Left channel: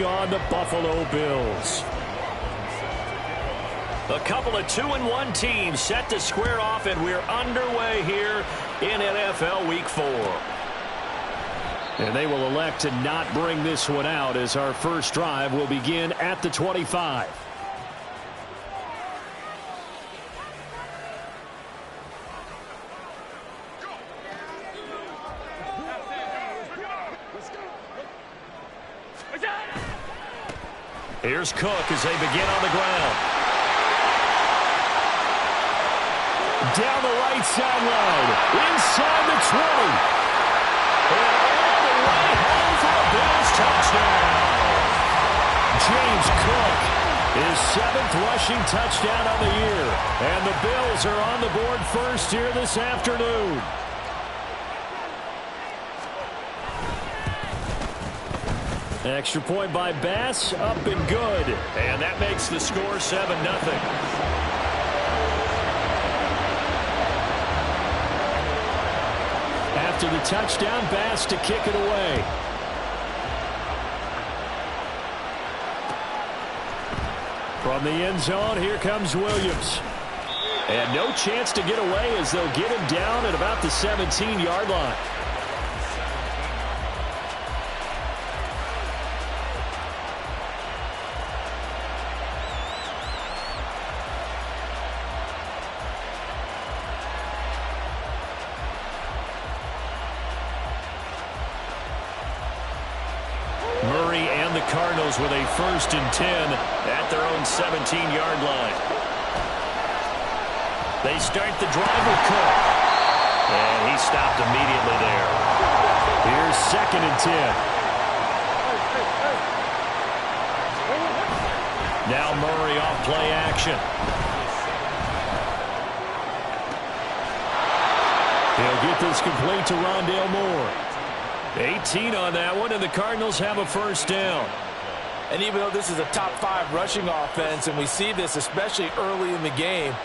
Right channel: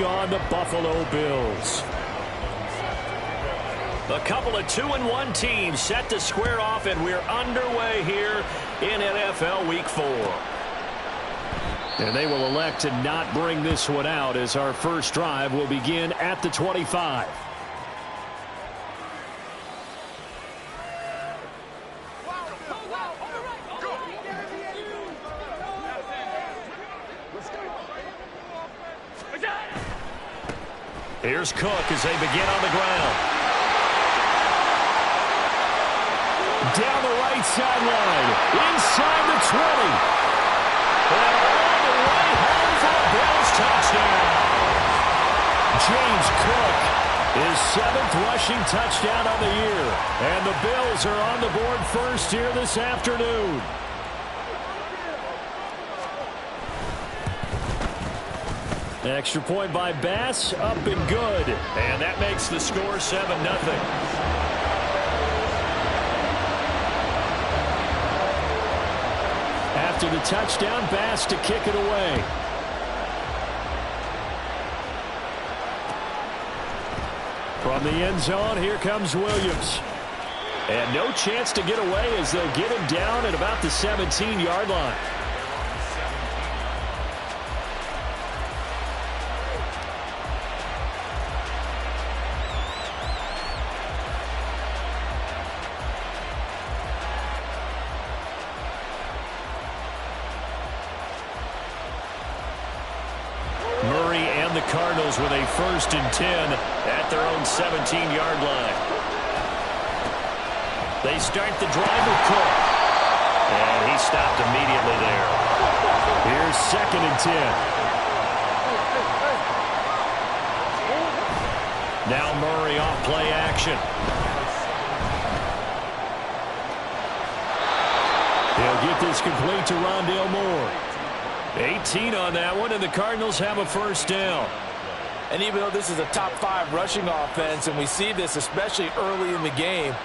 taking on the Buffalo Bills. A couple of 2-1 teams set to square off, and we're underway here in NFL Week 4. And they will elect to not bring this one out as our first drive will begin at the 25. Here's Cook as they begin on the ground. Down the right sideline, inside the 20. And all the way home for a Bills touchdown. James Cook, his 7th rushing touchdown on the year. And the Bills are on the board first here this afternoon. Extra point by Bass, up and good. And that makes the score 7-0. After the touchdown, Bass to kick it away. From the end zone, here comes Williams. And no chance to get away as they'll get him down at about the 17-yard line. Cardinals with a 1st and 10 at their own 17-yard line. They start the drive with Cook. And he stopped immediately there. Here's 2nd and 10. Now Murray off play action. He'll get this complete to Rondale Moore. 18 on that one, and the Cardinals have a 1st down. And even though this is a top 5 rushing offense, and we see this especially early in the game,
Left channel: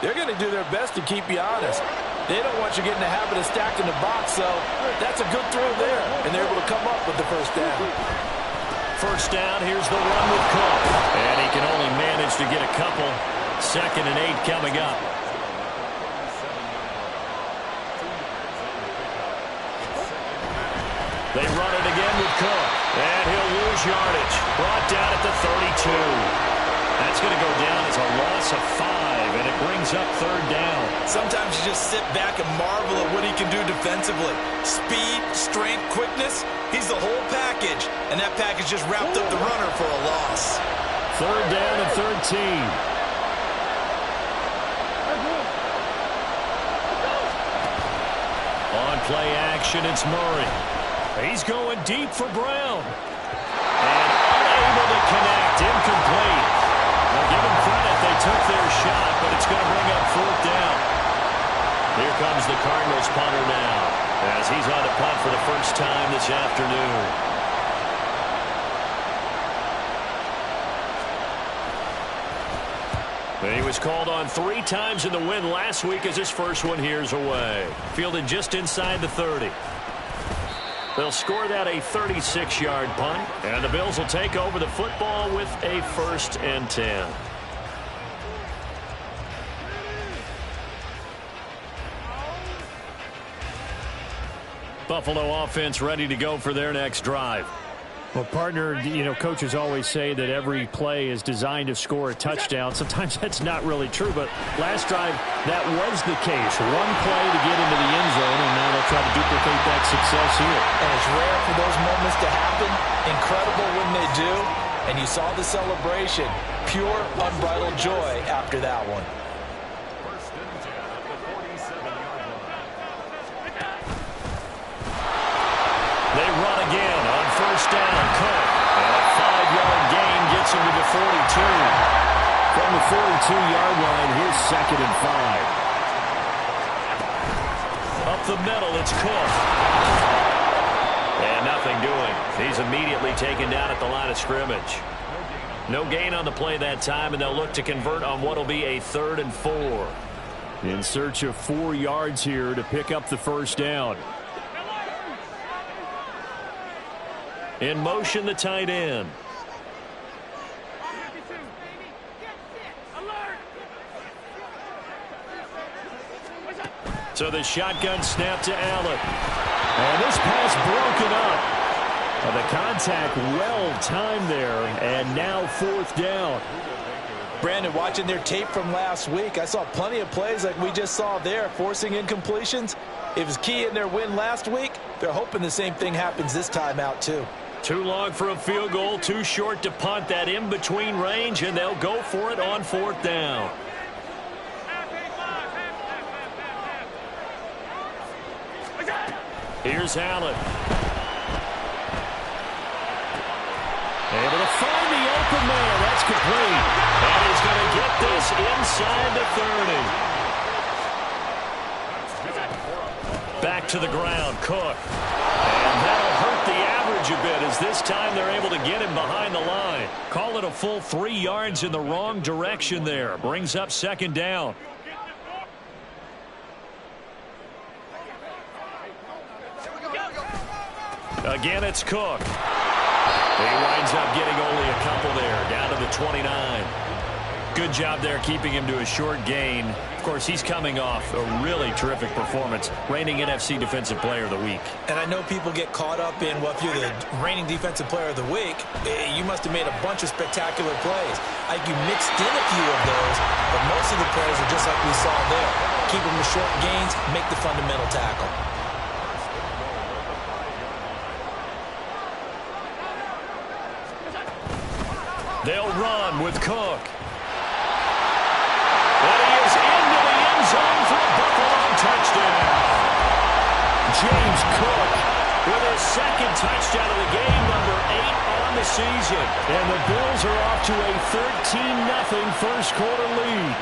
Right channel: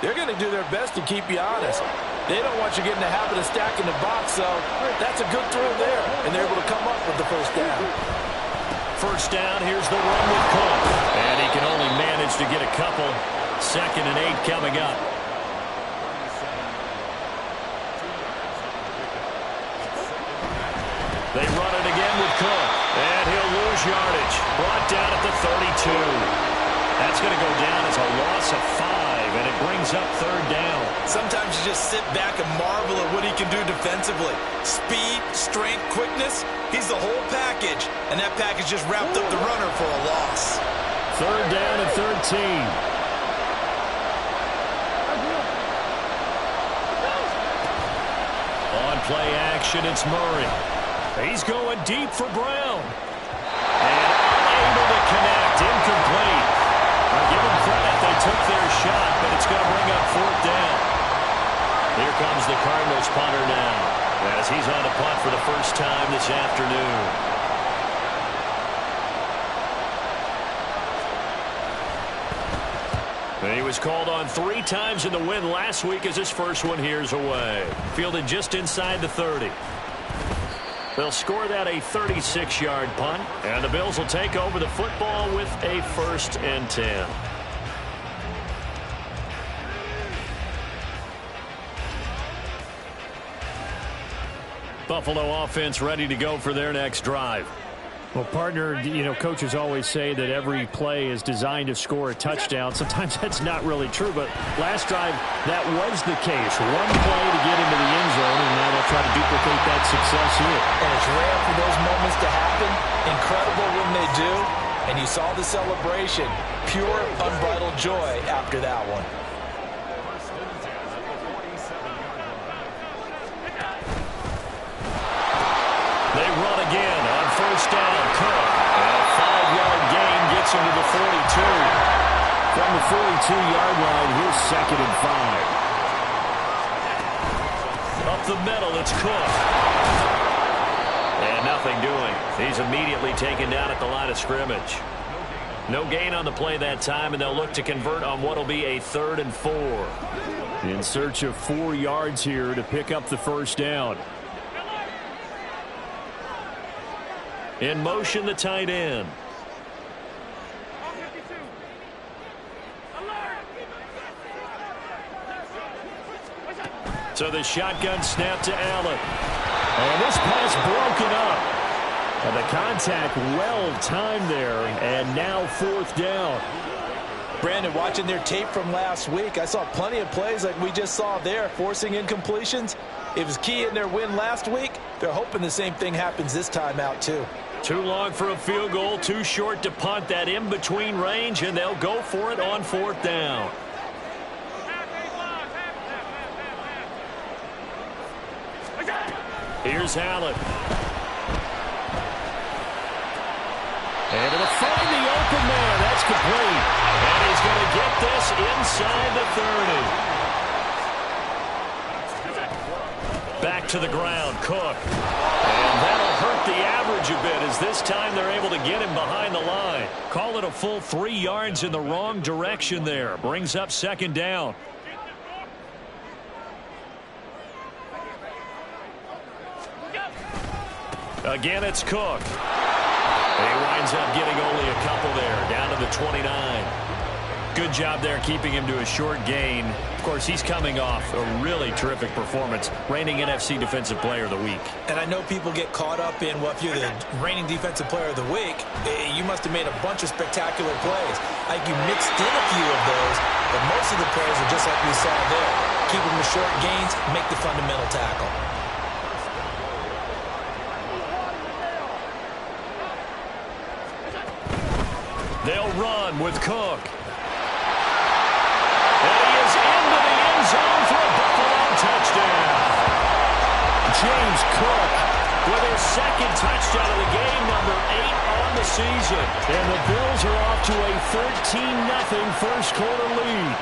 they're going to do their best to keep you honest. They don't want you getting the habit of stacking the box, so that's a good throw there, and they're able to come up with the 1st down. 1st down, here's the run with Cook. And he can only manage to get a couple. 2nd and 8 coming up. They run it again with Cook. And he'll lose yardage. Brought down at the 32. That's going to go down as a loss of 5, and it brings up 3rd down. Sometimes you just sit back and marvel at what he can do defensively. Speed, strength, quickness. He's the whole package. And that package just wrapped up the runner for a loss. 3rd down and 13. On play action, it's Murray. He's going deep for Brown. And unable to connect. Incomplete. Now give them credit. They took their shot, but it's going to bring up 4th down. Here comes the Cardinals punter now, as he's on to punt for the 1st time this afternoon. He was called on 3 times in the win last week as his first one here's away. Fielded just inside the 30. They'll score that a 36-yard punt, and the Bills will take over the football with a 1st and 10. Buffalo offense ready to go for their next drive. Well, partner, coaches always say that every play is designed to score a touchdown. Sometimes that's not really true, but last drive, that was the case. One play to get into the end zone, and now they'll try to duplicate that success here. And it's rare for those moments to happen. Incredible when they do. And you saw the celebration. Pure, unbridled joy after that one. They run again on 1st down. Cook. And a 5-yard gain gets him to the 42. From the 42-yard line, here's 2nd and 5. Up the middle, it's Cook. And nothing doing. He's immediately taken down at the line of scrimmage. No gain on the play that time, and they'll look to convert on what will be a 3rd and 4. In search of 4 yards here to pick up the 1st down. In motion, the tight end. So the shotgun snap to Allen. And this pass broken up. And the contact well timed there. And now 4th down. Brandon, watching their tape from last week, I saw plenty of plays like we just saw there, forcing incompletions. It was key in their win last week. They're hoping the same thing happens this time out, too. Too long for a field goal, too short to punt that in-between range, and they'll go for it on 4th down. Here's Allen. Able to find the open man. That's complete. And he's going to get this inside the 30. Back to the ground, Cook. And that'll hurt the average a bit as this time they're able to get him behind the line. Call it a full 3 yards in the wrong direction there. Brings up 2nd down. Again, it's Cook. He winds up getting only a couple there, down to the 29. Good job there keeping him to a short gain. Of course, he's coming off a really terrific performance, reigning NFC Defensive Player of the Week. And I know people get caught up in, well, if you're the reigning Defensive Player of the Week, you must have made a bunch of spectacular plays. Like you mixed in a few of those, but most of the plays are just like we saw there. Keep them to short gains, make the fundamental tackle. They'll run with Cook. And he is into the end zone for a Buffalo touchdown. James Cook with his 2nd touchdown of the game, number 8 on the season. And the Bills are off to a 13-0 first quarter lead.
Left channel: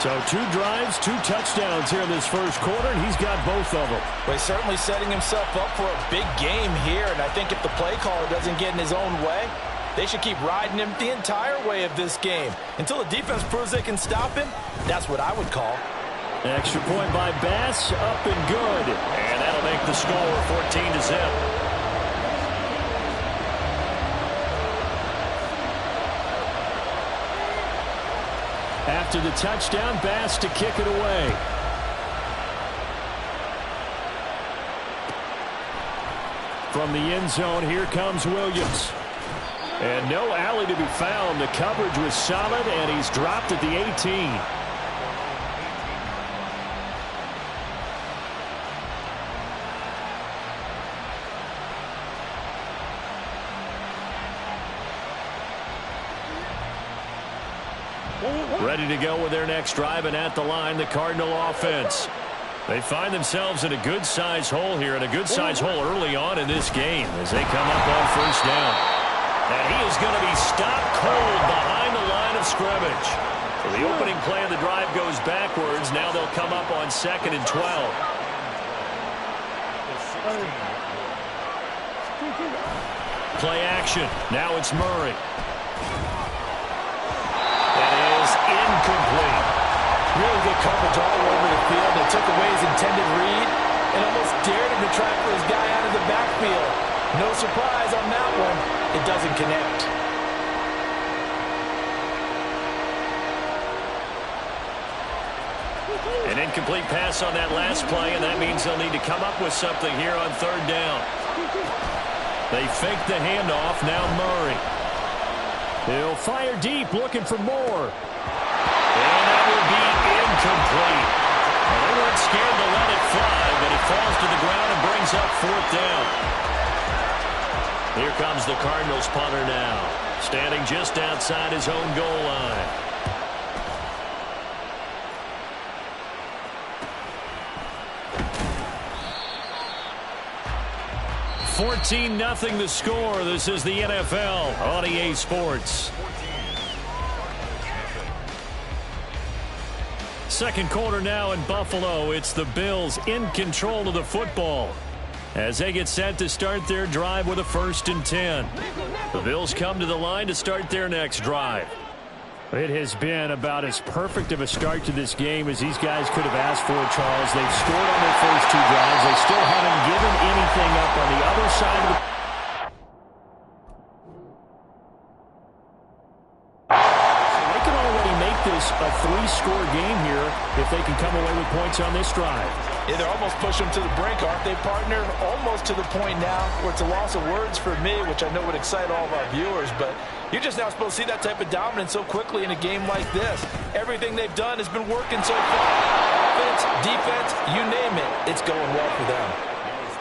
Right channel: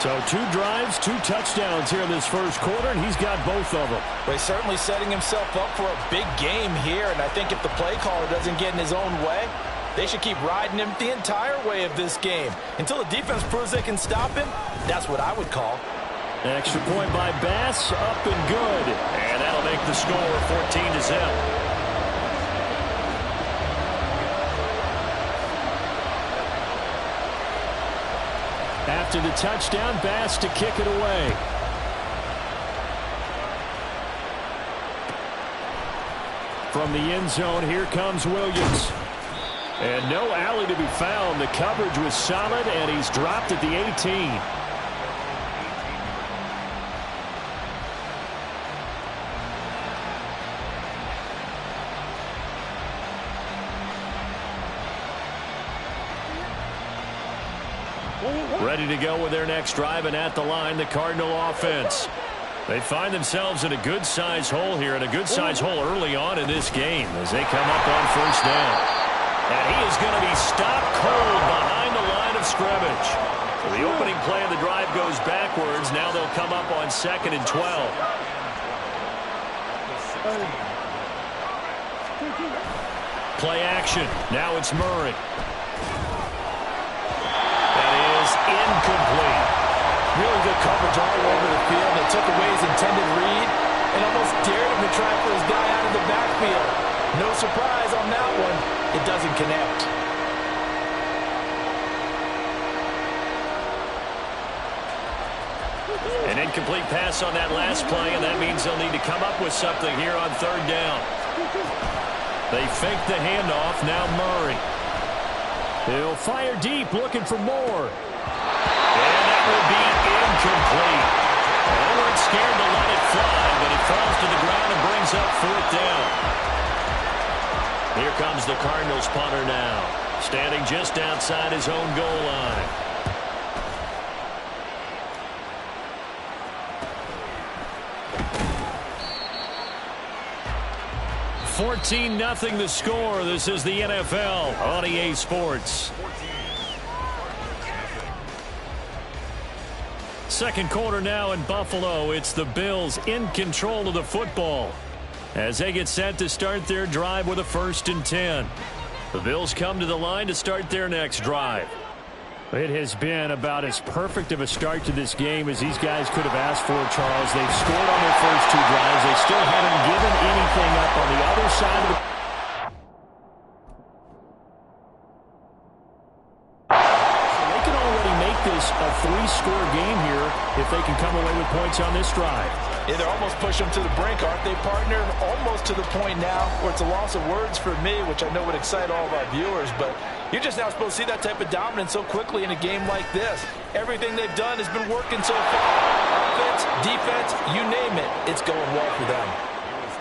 So 2 drives, 2 touchdowns here in this first quarter, and he's got both of them. Well, he's certainly setting himself up for a big game here, and I think if the play caller doesn't get in his own way, they should keep riding him the entire way of this game. Until the defense proves they can stop him, that's what I would call. Extra point by Bass, up and good. And that'll make the score 14-0. After the touchdown, Bass to kick it away. From the end zone, here comes Williams. And no alley to be found. The coverage was solid, and he's dropped at the 18. Ready to go with their next drive, and at the line, the Cardinal offense. They find themselves in a good-sized hole here, and a good-sized hole early on in this game as they come up on 1st down. And he is going to be stopped cold behind the line of scrimmage. So the opening play of the drive goes backwards. Now they'll come up on 2nd and 12. Play action. Now it's Murray. That is incomplete. Really good coverage all over the field. They took away his intended read and almost dared him to try for his guy out of the backfield. No surprise on that one. It doesn't connect. An incomplete pass on that last play, and that means they'll need to come up with something here on 3rd down. They fake the handoff. Now Murray. He'll fire deep, looking for more. And that will be incomplete. Well, they weren't scared to let it fly, but it falls to the ground and brings up 4th down. Here comes the Cardinals punter now, standing just outside his own goal line. $14-0 the score. This is the NFL on EA Sports. Second quarter now in Buffalo. It's the Bills in control of the football as they get set to start their drive with a 1st and 10. The Bills come to the line to start their next drive. It has been about as perfect of a start to this game as these guys could have asked for, Charles. They've scored on their first 2 drives. They still haven't given anything up on the other side of the... So they can already make this a three-score game here if they can come away with points on this drive. Yeah, they're almost pushing them to the brink, aren't they, partner? Almost to the point now where it's a loss of words for me, which I know would excite all of our viewers, but you're just now supposed to see that type of dominance so quickly in a game like this. Everything they've done has been working so far. Offense, defense, you name it, it's going well for them.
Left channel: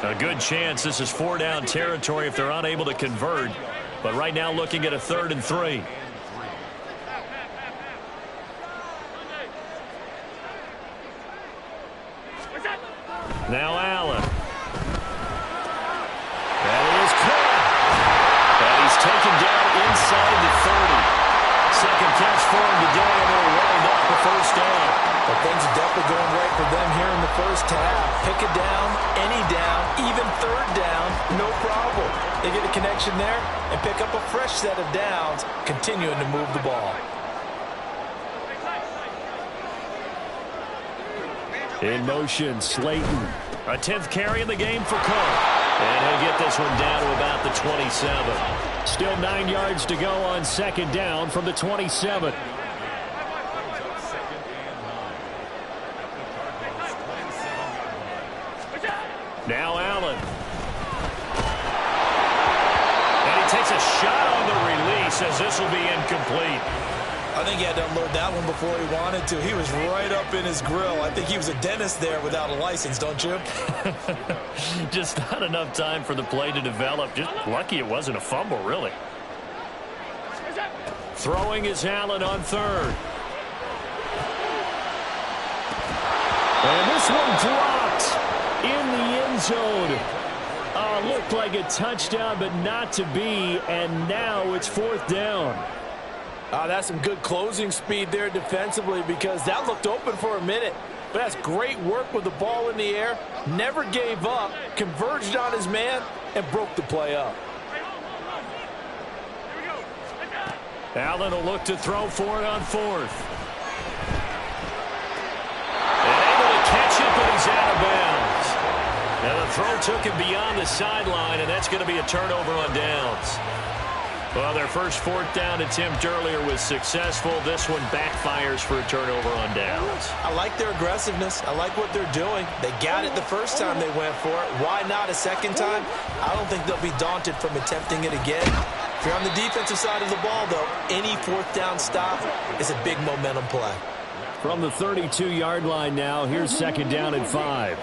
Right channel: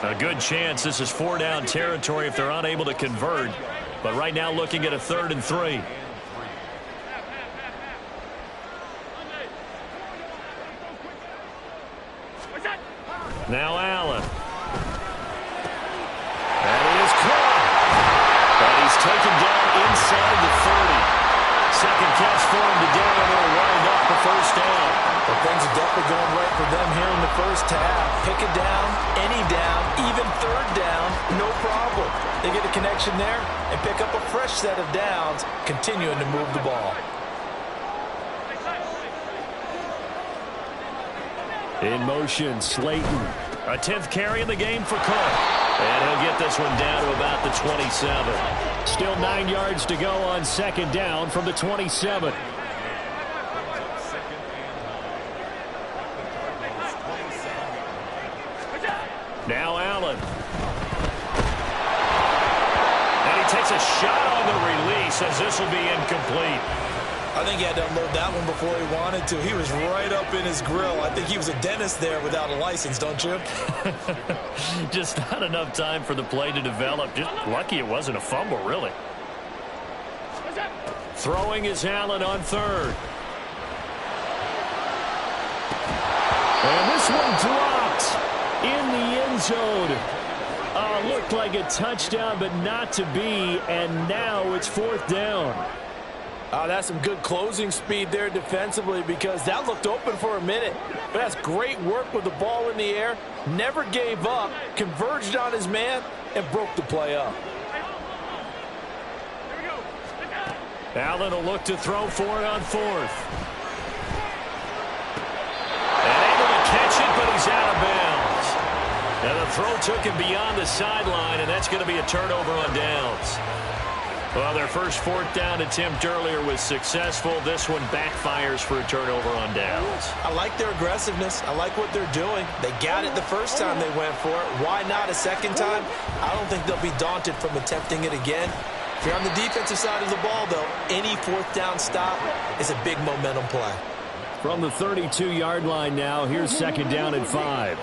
A good chance this is four-down territory if they're unable to convert, but right now looking at a 3rd and 3. Now Allen. That is caught. And he's taken down inside the 30. Second catch for him today, and it'll wind up a first down. But things are definitely going right for them here in the first half. Pick it down, any down, even 3rd down, no problem. They get a connection there and pick up a fresh set of downs, continuing to move the ball. In motion, Slayton. A 10th carry in the game for Cook. And he'll get this one down to about the 27. Still 9 yards to go on 2nd down from the 27. Now Allen. And he takes a shot on the release as this will be incomplete. I think he had to unload that one before he wanted to. He was right up in his grill. I think he was a dentist there without a license, don't you? Just not enough time for the play to develop. Just lucky it wasn't a fumble, really. Throwing is Allen on 3rd. And this one dropped in the end zone. Looked like a touchdown, but not to be. And now it's 4th down. That's some good closing speed there defensively because that looked open for a minute. But that's great work with the ball in the air. Never gave up, converged on his man, and broke the play up. Allen will look to throw for it on 4th. And able to catch it, but he's out of bounds. Now the throw took him beyond the sideline, and that's going to be a turnover on downs. Well, their first 4th down attempt earlier was successful. This one backfires for a turnover on downs. I like their aggressiveness. I like what they're doing. They got it the first time they went for it. Why not a second time? I don't think they'll be daunted from attempting it again. If you're on the defensive side of the ball, though, any 4th down stop is a big momentum play. From the 32-yard line now, here's 2nd down and 5.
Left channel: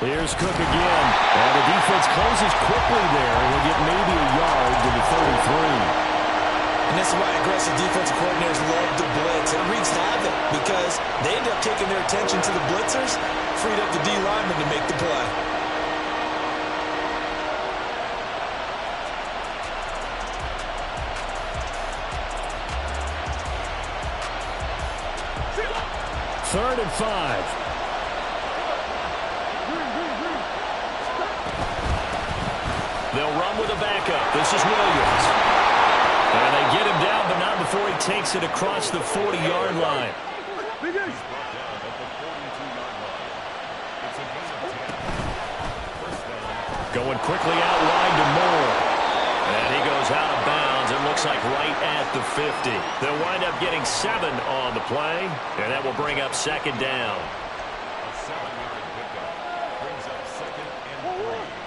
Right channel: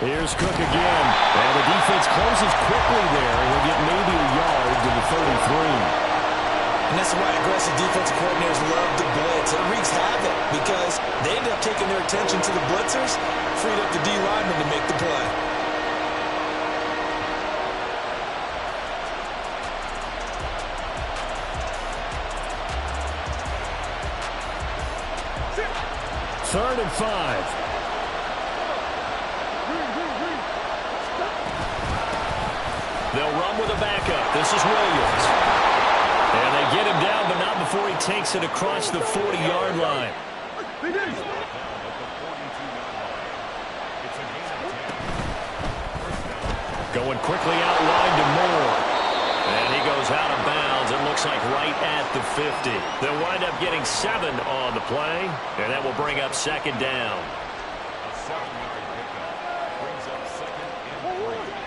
Here's Cook again. And the defense closes quickly there. He'll get maybe a yard to the 33. And that's why aggressive defensive coordinators love to blitz. It wreaks havoc because they end up taking their attention to the blitzers, freed up the D lineman to make the play. Third and 5. They'll run with a backup. This is Williams. And they get him down, but not before he takes it across the 40-yard line. Going quickly out wide to Moore. And he goes out of bounds. It looks like right at the 50. They'll wind up getting 7 on the play, and that will bring up 2nd down. A 7-yard pickup brings up 2nd and 3.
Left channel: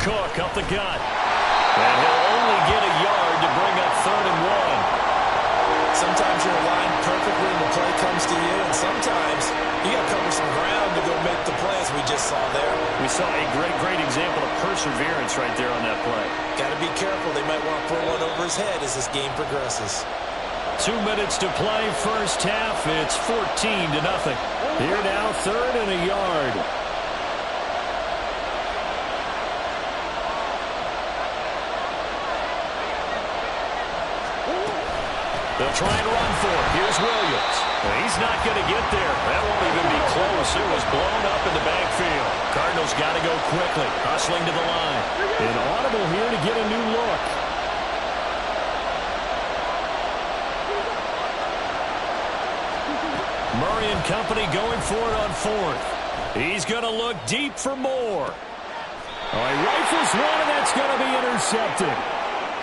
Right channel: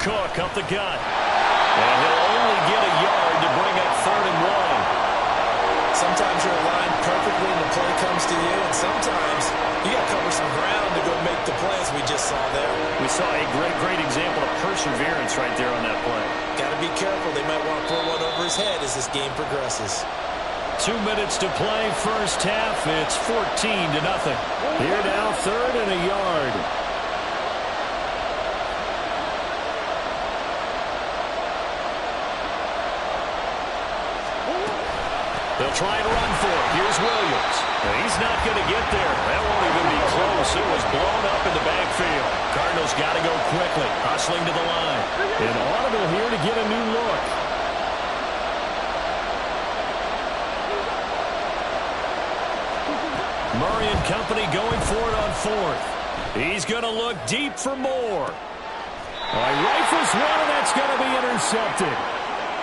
Cook up the gut. And he'll only get a yard to bring up 3rd and 1. Sometimes you're aligned perfectly and the play comes to you, and sometimes you got to cover some ground to go make the play, as we just saw there. We saw a great example of perseverance right there on that play. Got to be careful. They might want to throw one over his head as this game progresses. 2 minutes to play first half. It's 14-0. Here now, 3rd and a yard. They'll try and run for it. Here's Williams. He's not going to get there. That won't even be close. It was blown up in the backfield. Cardinals got to go quickly, hustling to the line. An audible here to get a new look. Murray and company going for it on fourth. He's going to look deep for more. All right, rifles one, and that's going to be intercepted.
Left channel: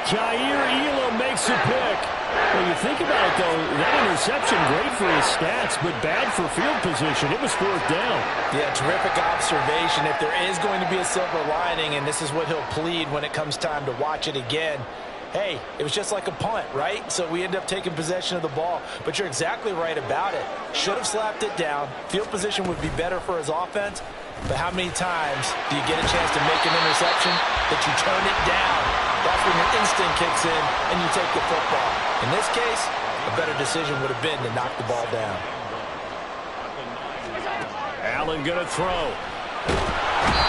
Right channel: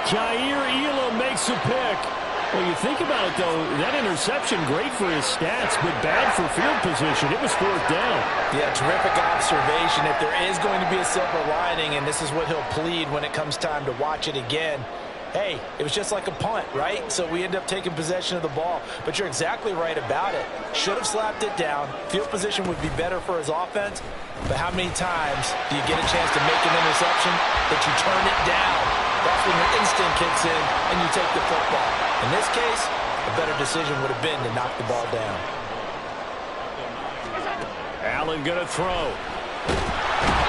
Jair Elam makes a pick. Well, you think about it, though, that interception, great for his stats, but bad for field position. It was fourth down. Yeah, terrific observation. If there is going to be a silver lining, and this is what he'll plead when it comes time to watch it again, hey, it was just like a punt, right? So we end up taking possession of the ball. But you're exactly right about it. Should have slapped it down. Field position would be better for his offense. But how many times do you get a chance to make an interception that you turn it down? That's when your instinct kicks in and you take the football. In this case, a better decision would have been to knock the ball down. Allen going to throw.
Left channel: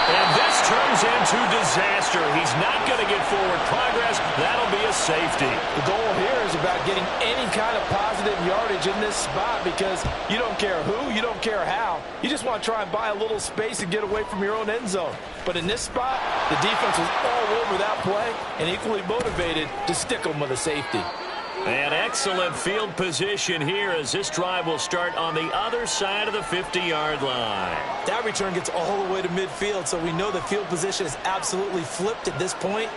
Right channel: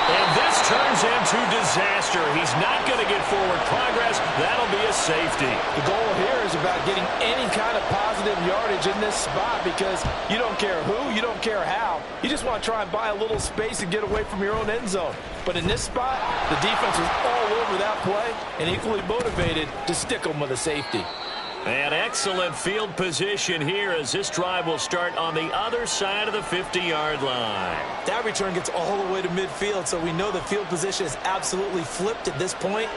And this turns into disaster. He's not going to get forward progress. That'll be a safety. The goal here is about getting any kind of positive yardage in this spot because you don't care who, you don't care how. You just want to try and buy a little space and get away from your own end zone. But in this spot, the defense was all over that play and equally motivated to stick them with a safety. An excellent field position here as this drive will start on the other side of the 50-yard line. That return gets all the way to midfield, so we know the field position is absolutely flipped at this point.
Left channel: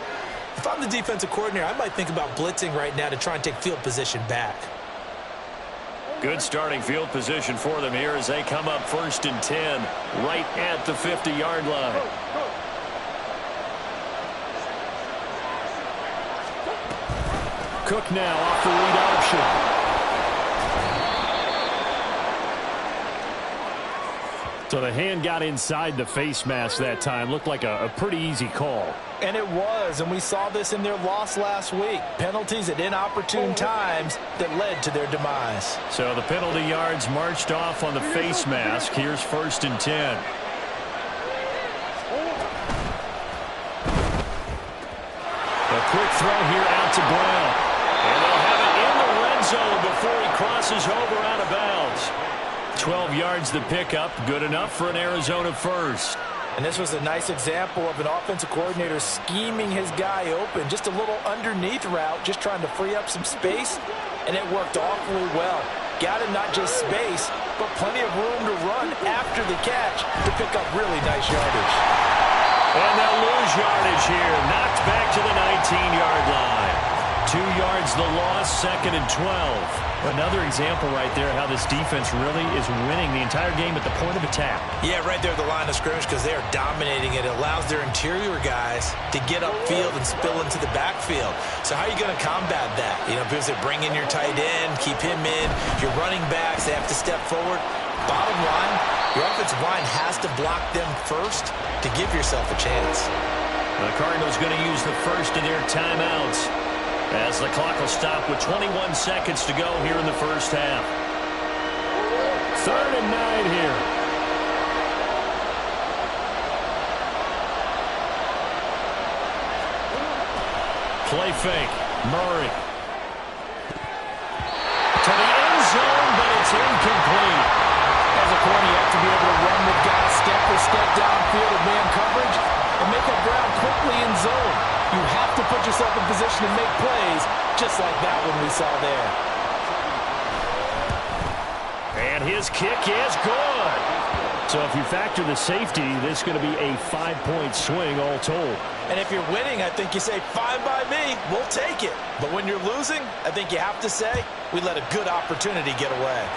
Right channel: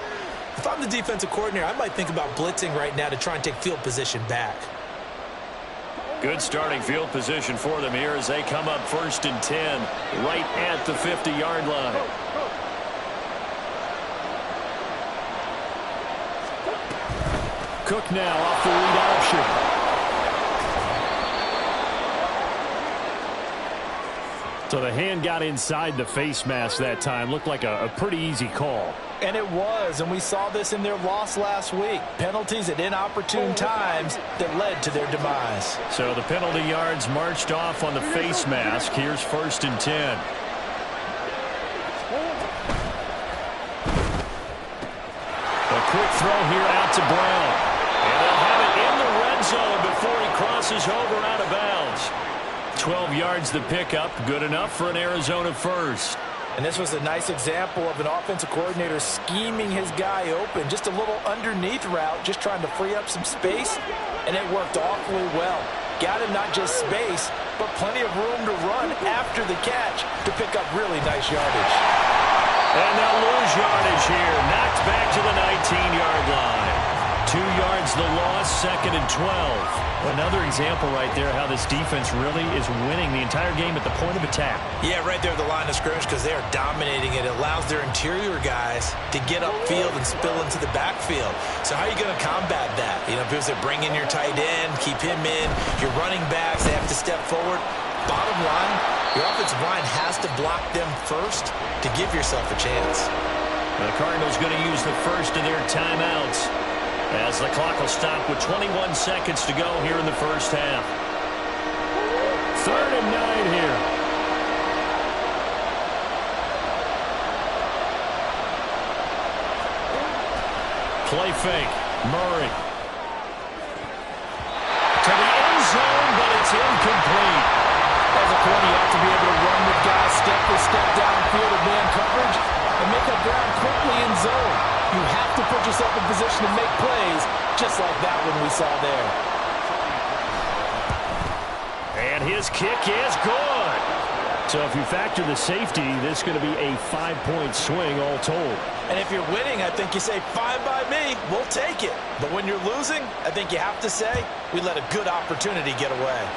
If I'm the defensive coordinator, I might think about blitzing right now to try and take field position back. Good starting field position for them here as they come up 1st and 10 right at the 50-yard line. Cook now off the read option. So the hand got inside the face mask that time. Looked like a pretty easy call. And it was, and we saw this in their loss last week. Penalties at inopportune times that led to their demise. So the penalty yards marched off on the face mask. Here's 1st and 10. A quick throw here out to Brown. And they'll have it in the red zone before he crosses over out of bounds. 12 yards the pickup, good enough for an Arizona first. And this was a nice example of an offensive coordinator scheming his guy open. Just a little underneath route, just trying to free up some space. And it worked awfully well. Got him not just space, but plenty of room to run after the catch to pick up really nice yardage. And they'll lose yardage here. Knocked back to the 19-yard line. 2 yards the loss, 2nd and 12. Another example right there how this defense really is winning the entire game at the point of attack. Yeah, right there at the line of scrimmage because they are dominating it. It allows their interior guys to get upfield and spill into the backfield. So how are you going to combat that? You know, people say bring in your tight end, keep him in. Your running backs, they have to step forward. Bottom line, your offensive line has to block them first to give yourself a chance. The Cardinals going to use the first of their timeouts as the clock will stop with 21 seconds to go here in the first half. 3rd and 9 here. Play fake. Murray. To the end zone, but it's incomplete. As a corner, you have to be able to run with guys step for step downfield of man coverage and make up ground quickly in zone. You have to put yourself in position to make plays, just like that one we saw there. And his kick is good. So if you factor the safety, this is going to be a 5-point swing all told. And if you're winning, I think you say, fine by me, we'll take it. But when you're losing, I think you have to say, we let a good opportunity get away.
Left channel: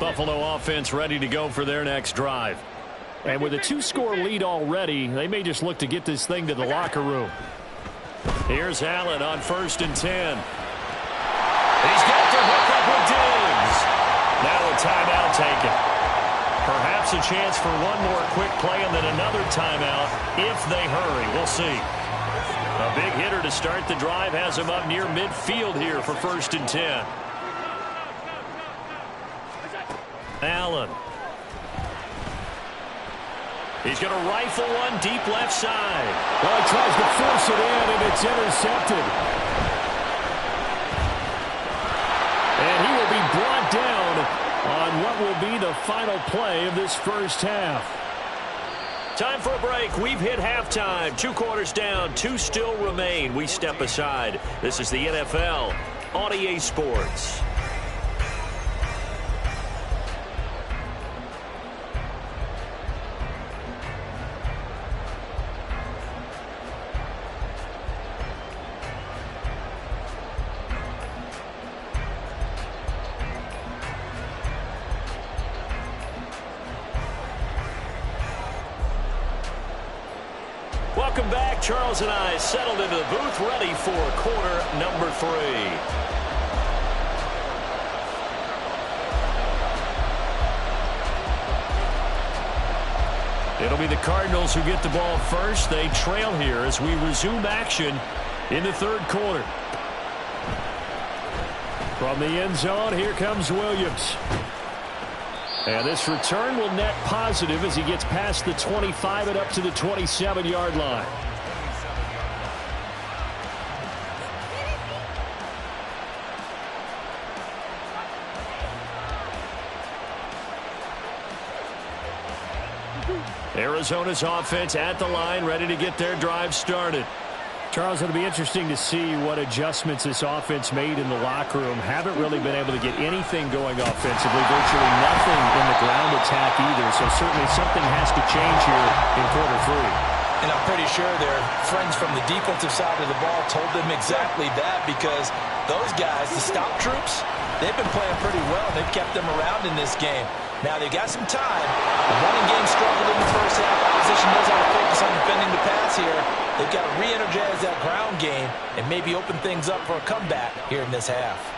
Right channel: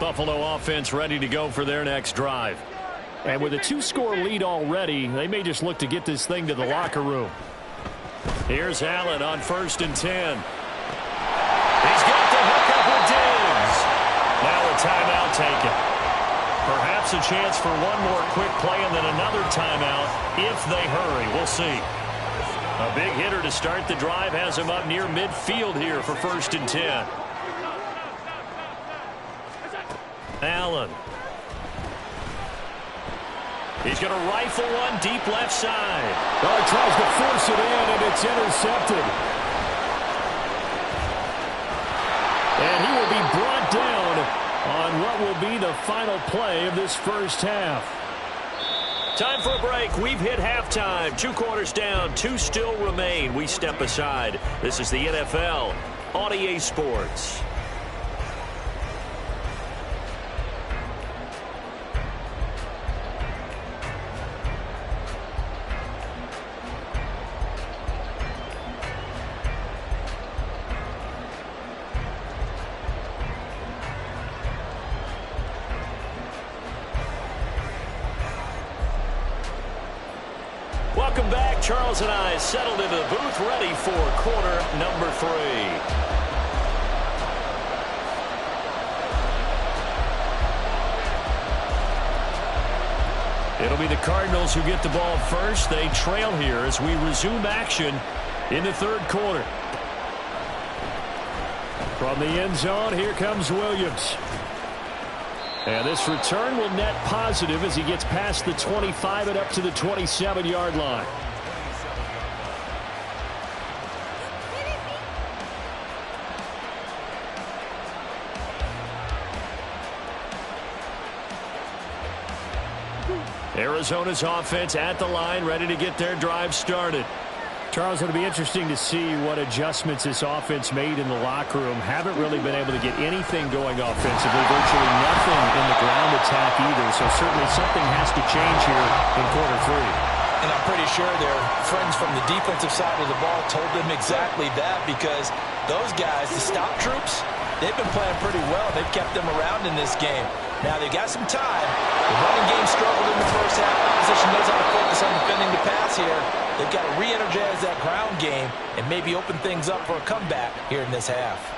Buffalo offense ready to go for their next drive. And with a 2-score lead already, they may just look to get this thing to the locker room. Here's Allen on 1st and 10. He's got the hook up with Diggs. Now a timeout taken. Perhaps a chance for one more quick play and then another timeout if they hurry. We'll see. A big hitter to start the drive has him up near midfield here for 1st and 10. Allen. He's going to rifle one deep left side. Well, he tries to force it in, and it's intercepted. And he will be brought down what will be the final play of this first half. Time for a break. We've hit halftime. 2 quarters down, 2 still remain. We step aside. This is the NFL on EA Sports. Welcome back. Charles and I settled into the booth, ready for quarter number 3. It'll be the Cardinals who get the ball first. They trail here as we resume action in the third quarter. From the end zone, here comes Williams. And this return will net positive as he gets past the 25 and up to the 27-yard line. Arizona's offense at the line, ready to get their drive started. Charles, it'll be interesting to see what adjustments this offense made in the locker room. Haven't really been able to get anything going offensively, virtually nothing in the ground attack either. So certainly something has to change here in quarter 3. And I'm pretty sure their friends from the defensive side of the ball told them exactly that, because those guys, the stop troops, they've been playing pretty well. They've kept them around in this game. Now they've got some time. The running game struggled in the first half. Opposition knows how to focus on defending the pass here. They've got to re-energize that ground game and maybe open things up for a comeback here in this half.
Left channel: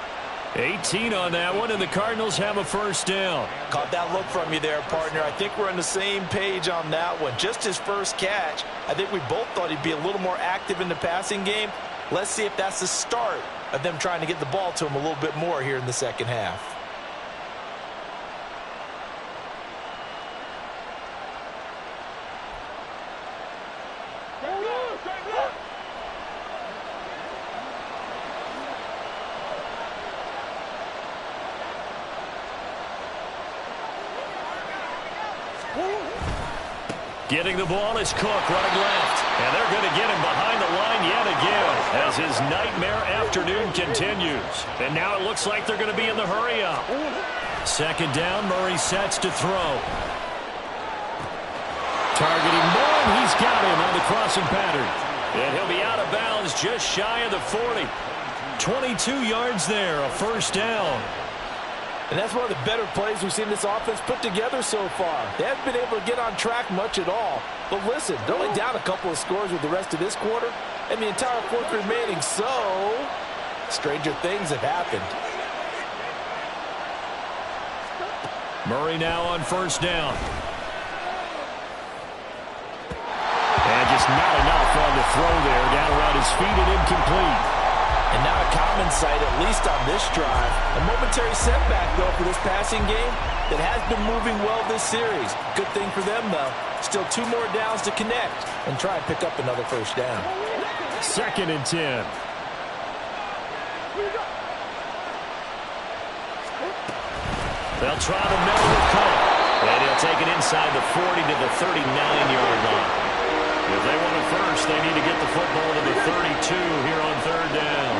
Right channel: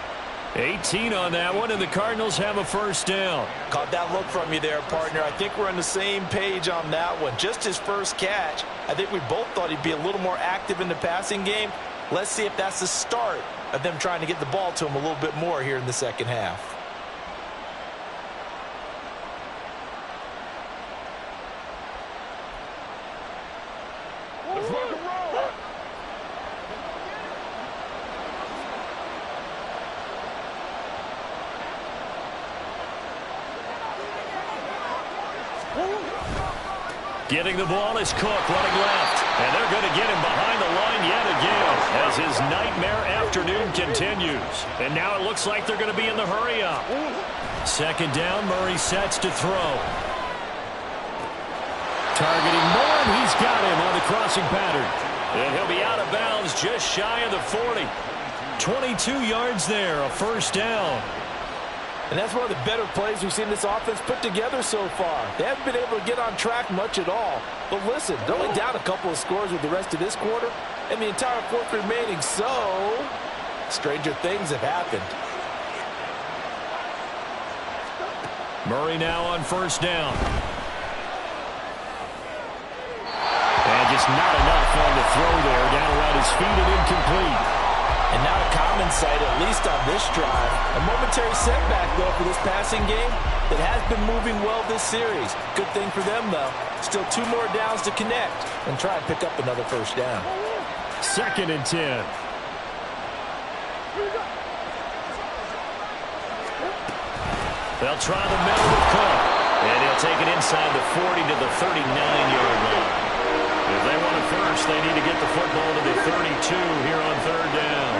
18 on that one, and the Cardinals have a first down. Caught that look from you there, partner. I think we're on the same page on that one. Just his first catch. I think we both thought he'd be a little more active in the passing game. Let's see if that's the start of them trying to get the ball to him a little bit more here in the second half. Getting the ball is Cook running left. And they're going to get him behind the line yet again as his nightmare afternoon continues. And now it looks like they're going to be in the hurry up. Second down, Murray sets to throw. Targeting Moore, and he's got him on the crossing pattern. And he'll be out of bounds just shy of the 40. 22 yards there, a first down. And that's one of the better plays we've seen this offense put together so far. They haven't been able to get on track much at all. But listen, they're only down a couple of scores with the rest of this quarter and the entire fourth remaining. So, stranger things have happened. Murray now on first down. And just not enough on the throw there. Down around his feet and incomplete. And not a common sight, at least on this drive. A momentary setback, though, for this passing game that has been moving well this series. Good thing for them, though. Still 2 more downs to connect and try and pick up another first down. Second and 10. They'll try the middle with Cook. And he'll take it inside the 40 to the 39-yard line. If they want it first, they need to get the football to the 32 here on third down.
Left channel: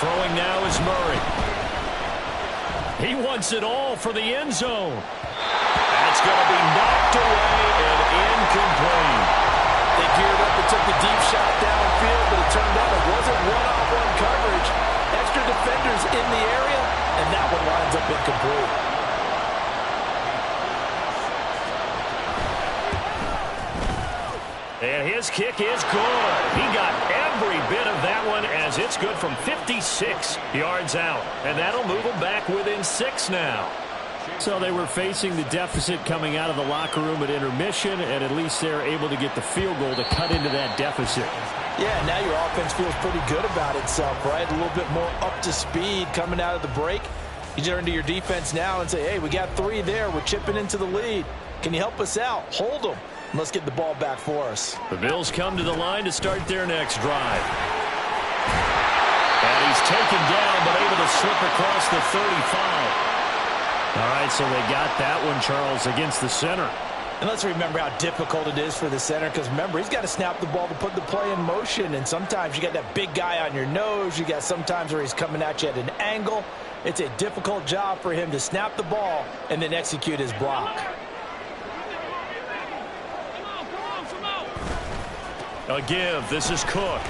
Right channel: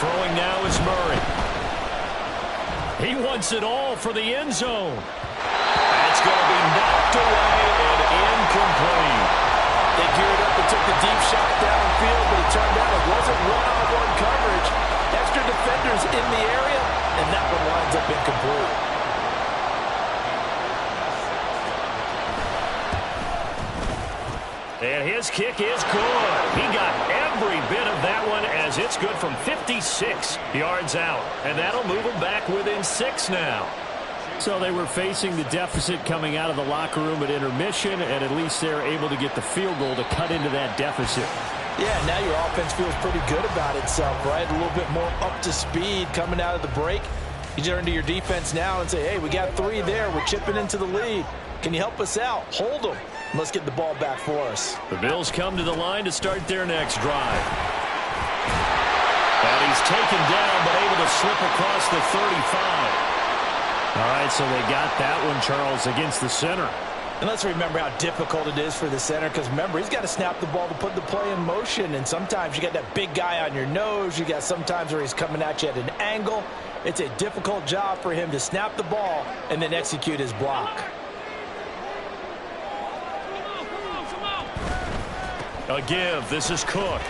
Throwing now is Murray. He wants it all for the end zone. That's going to be knocked away and incomplete. They geared up and took the deep shot downfield, but it turned out it wasn't one-on-one coverage. Extra defenders in the area, and that one winds up incomplete. And his kick is good. He got every bit of that one as it's good from 56 yards out. And that'll move them back within 6 now. So they were facing the deficit coming out of the locker room at intermission, and at least they're able to get the field goal to cut into that deficit. Yeah, now your offense feels pretty good about itself, right? A little bit more up to speed coming out of the break. You turn to your defense now and say, hey, we got 3 there. We're chipping into the lead. Can you help us out? Hold them. Let's get the ball back for us. The Bills come to the line to start their next drive. And he He's taken down, but able to slip across the 35. All right, so they got that one, Charles, against the center. And let's remember how difficult it is for the center, because remember, he's got to snap the ball to put the play in motion, and sometimes you got that big guy on your nose. You got sometimes where he's coming at you at an angle. It's a difficult job for him to snap the ball and then execute his block. A give. This is Cook.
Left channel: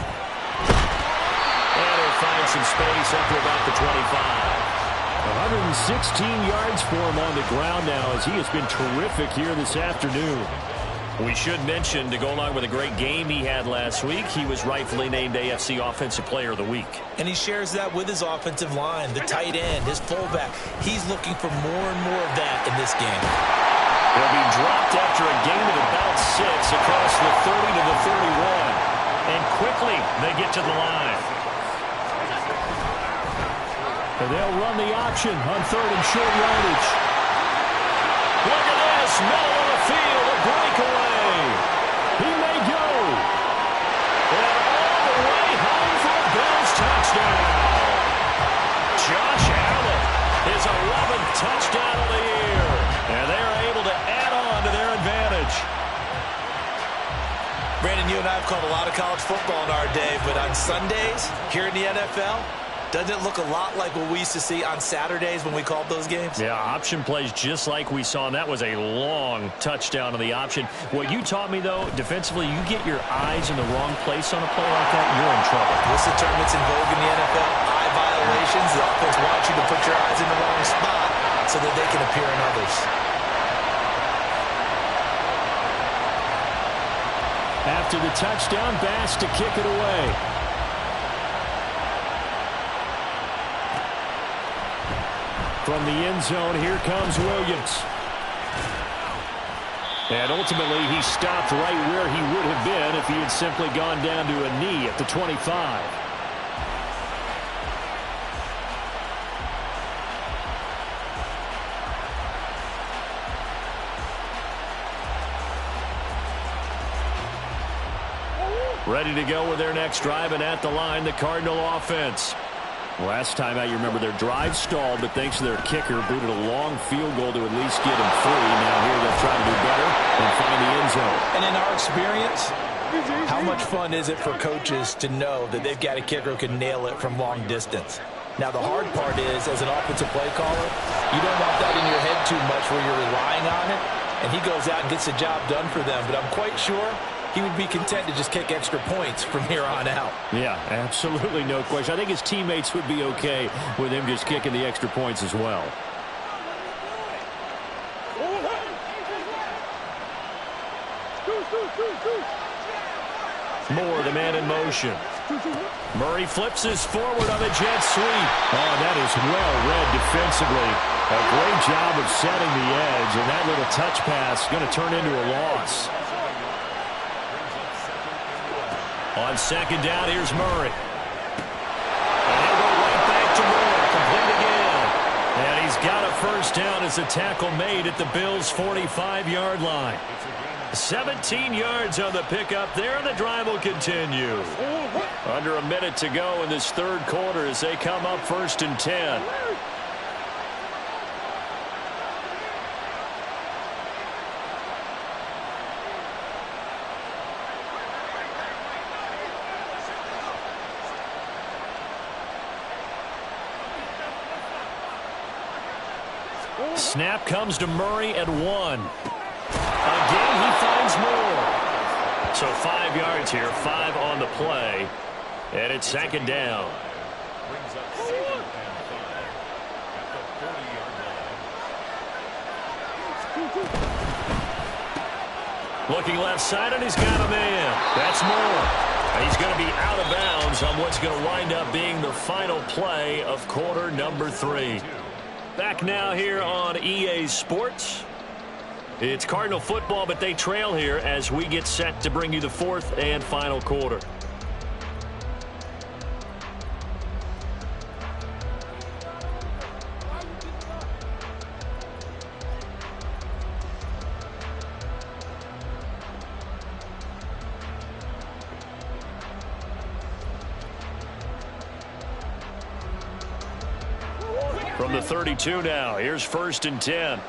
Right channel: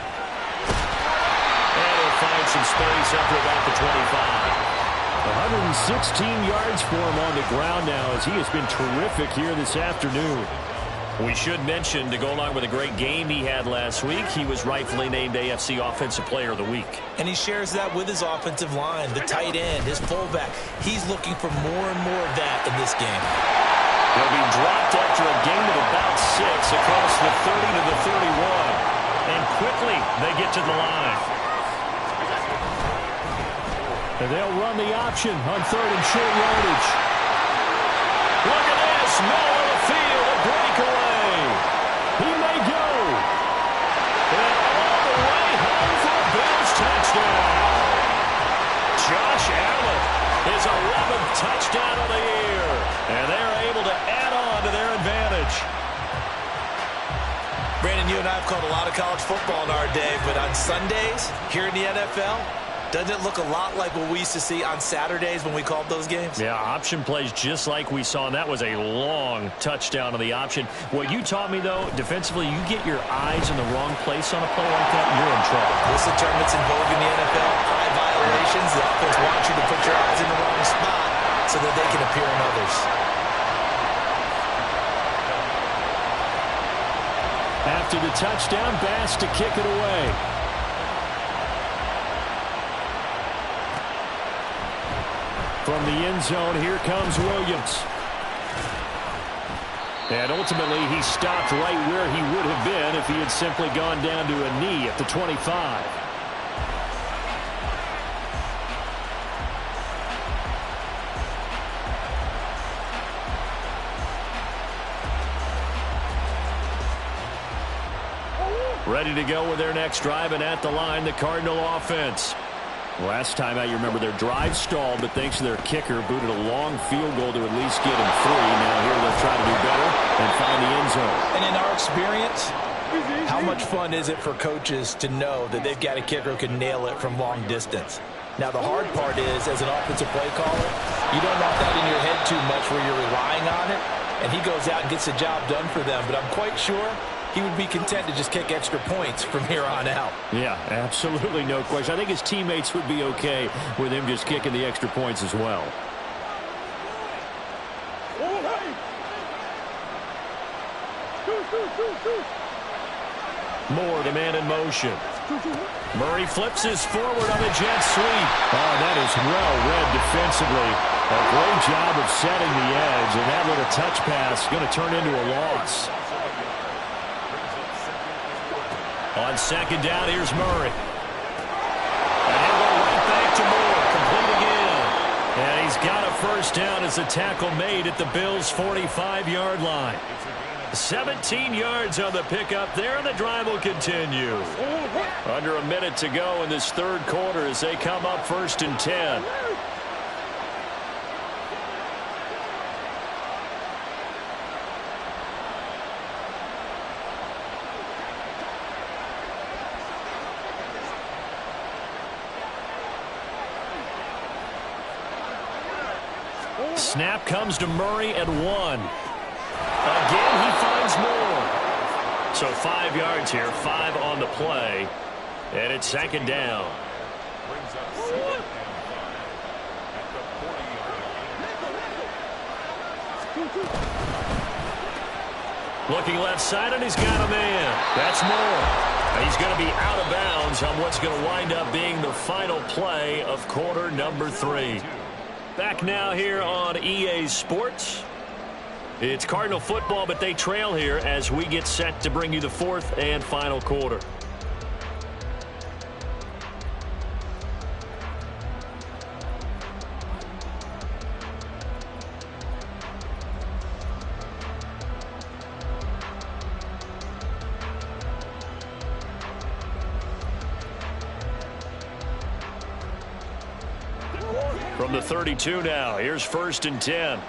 And he'll find some space up to about the 25. 116 yards for him on the ground now as he has been terrific here this afternoon. We should mention, to go along with a great game he had last week, he was rightfully named AFC Offensive Player of the Week. And he shares that with his offensive line, the tight end, his fullback. He's looking for more and more of that in this game. He'll be dropped after a gain of about 6 across the 30 to the 31. And quickly they get to the line. And they'll run the option on 3rd and short yardage. Look at this. Middle of the field, a breakaway. He may go. And all the way home for a Bills touchdown. Josh Allen, his 11th touchdown of the year. And they're able to add on to their advantage. Brandon, you and I have called a lot of college football in our day, but on Sundays here in the NFL, doesn't it look a lot like what we used to see on Saturdays when we called those games? Yeah, option plays just like we saw, and that was a long touchdown on the option. What you taught me, though, defensively, you get your eyes in the wrong place on a play like that, you're in trouble. What's the term that's in vogue in the NFL? Eye violations. The offense wants you to put your eyes in the wrong spot so that they can appear in others. After the touchdown, Bass to kick it away. From the end zone, here comes Williams. And ultimately, he stopped right where he would have been if he had simply gone down to a knee at the 25. Ready to go with their next drive, and at the line, the Cardinal offense. Last time out, you remember their drive stalled, but thanks to their kicker, booted a long field goal to at least get them 3. Now here they'll try to do better and find the end zone. And in our experience, how much fun is it for coaches to know that they've got a kicker who can nail it from long distance? Now, the hard part is, as an offensive play caller, you don't want that in your head too much where you're relying on it, and he goes out and gets the job done for them. But I'm quite sure he would be content to just kick extra points from here on out. Yeah, absolutely no question. I think his teammates would be okay with him just kicking the extra points as well. Moore, the man in motion. Murray flips his forward on a jet sweep. Oh, that is well read defensively. A great job of setting the edge, and that little touch pass is going to turn into a loss. On 2nd down, here's Murray. And he'll go right back to Moore. Complete again. And he's got a first down as the tackle made at the Bills' 45-yard line. 17 yards on the pickup there, and the drive will continue. Under a minute to go in this 3rd quarter as they come up 1st and 10. Snap comes to Murray at 1. Again, he finds Moore. So 5 yards here, 5 on the play. And it's 2nd down. Brings up 2nd and 5 at the 40-yard line. Looking left side, and he's got a man. That's Moore. He's going to be out of bounds on what's going to wind up being the final play of quarter number 3. Back now here on EA Sports. It's Cardinal football, but they trail here as we get set to bring you the 4th and final quarter. From the 32 now, here's 1st and 10.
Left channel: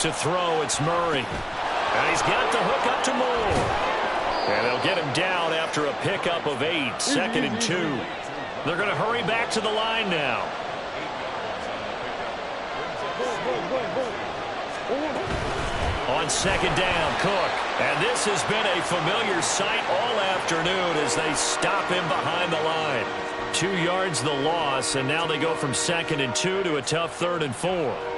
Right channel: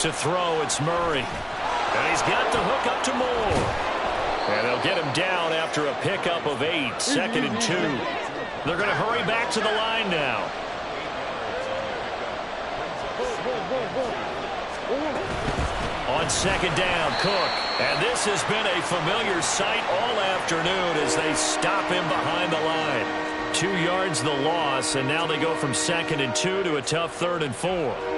To throw, it's Murray. And he's got the hook up to Moore. And they'll get him down after a pickup of 8, 2nd and 2. They're going to hurry back to the line now. 8 yards on the pickup. On 2nd down, Cook. And this has been a familiar sight all afternoon as they stop him behind the line. 2 yards the loss, and now they go from 2nd and 2 to a tough 3rd and 4.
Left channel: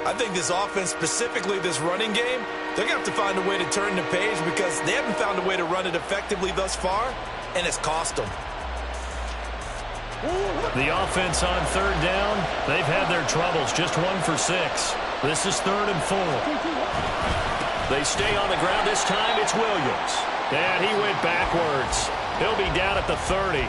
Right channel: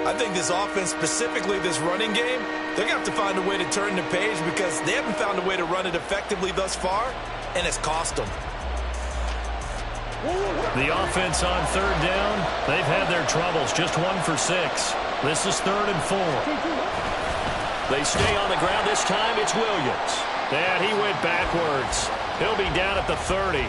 I think this offense, specifically this running game, they're going to have to find a way to turn the page because they haven't found a way to run it effectively thus far, and it's cost them. The offense on 3rd down, they've had their troubles, just 1 for 6. This is 3rd and 4. They stay on the ground. This time it's Williams. And he went backwards. He'll be down at the 30.